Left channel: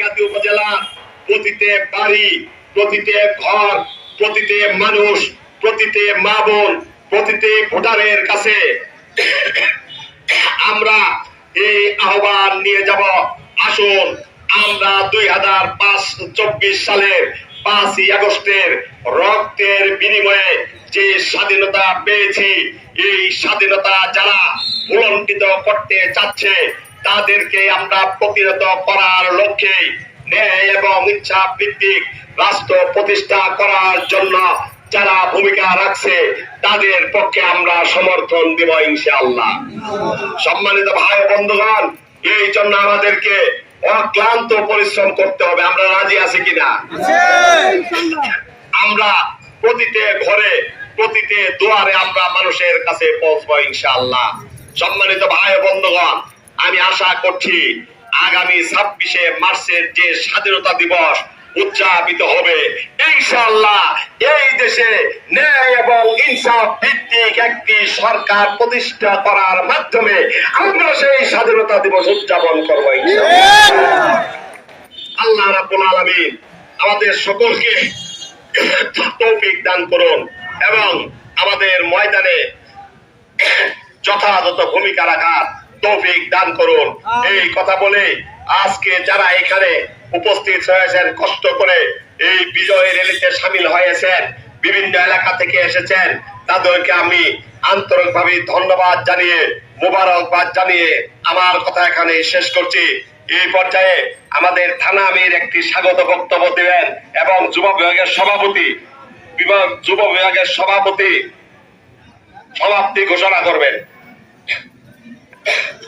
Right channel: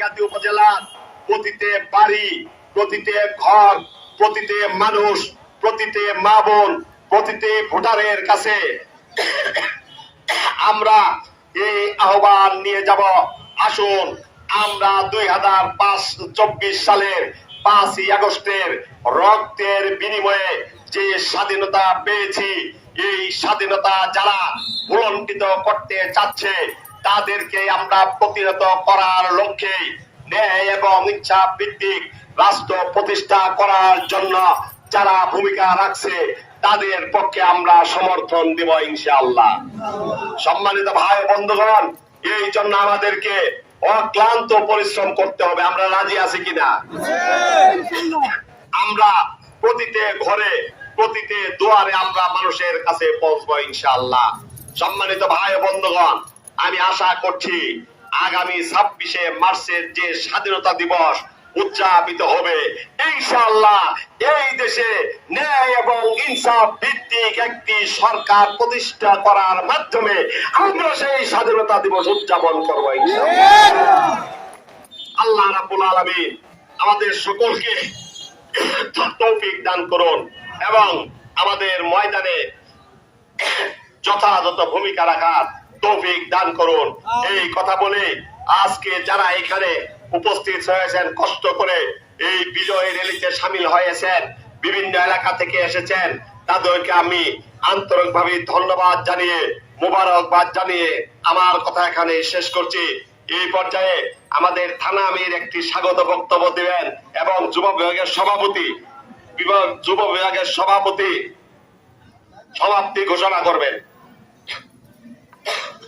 গাজী উপজেলার প্রতিটি বাড়ি, প্রতিটি ঘর, প্রতিটি মানুষ, প্রতিটি মা বোন, প্রতিটি ভোটারের কাছে আমরা এই আহ্বান নিয়ে যাব। আসুন আমরা 2024 সালের 5ই আগস্টের রক্তের বিনিময়ে যে স্বাধীনতা পেয়েছি, এই স্বাধীনতা যারা ভুলণ্ঠিত করতে চাচ্ছে তাদেরকে আমরা প্রতিহত করার লক্ষ্যে ন্যায় এবং ইচ্ছা ভিত্তিক রাষ্ট্র প্রতিষ্ঠা করার জন্য যারা ভূমিকা রাখছে তাদের পক্ষে আমরা সমর্থন দিব ইনশাআল্লাহ। সম্মানিত ভাই বন্ধুগণ, এই জন্য আমাদেরকে অক্লান্ত পরিশ্রম করতে হবে। আমরা রাজি আছি কিনা? আমরা প্রতিটি ঘরে, প্রতিটি দুয়ারে আমরা মানুষের কাছে পৌঁছবো ইনশাআল্লাহ। সম্মানিত ভাই বন্ধুগণ, আমি আশা করছি আগামী 26শে মার্চের যে স্বাধীনতা দিবস উদযাপিত হবে, ইনশাআল্লাহ এই দেশে ন্যায় এবং ইনসাফ ভিত্তিক একটি সরকার প্রতিষ্ঠা করার মাধ্যমে আমরা সেই স্বাধীনতা দিবস উদযাপন করবো ইনশাআল্লাহ। আল্লাহ রাব্বুল আলামিন আমাদের সকলকে তৌফিক দান করুন এবং আমাদের ময়দানে যথাযথ ভূমিকা রাখার তৌফিক দান করুন। এই কথা বলে আজকে যারা এখানে উপস্থিত হয়েছেন, কষ্ট করে এই বিজয় র্যালিতে সামিল হয়েছেন, বিভিন্ন এলাকা থেকে এসেছেন, তাদেরকে আমি আন্তরিকভাবে ধন্যবাদ জানিয়ে, মোবারকবাদ জানিয়ে আমার কথা এখানে শেষ করছি। এই পর্যায়ে আমাদের থানা আমির একটি স্বাগত বক্তব্য দেবেন এবং যুব বিভাগের সভাপতি সমাপ্তি ঘোষণা করবেন।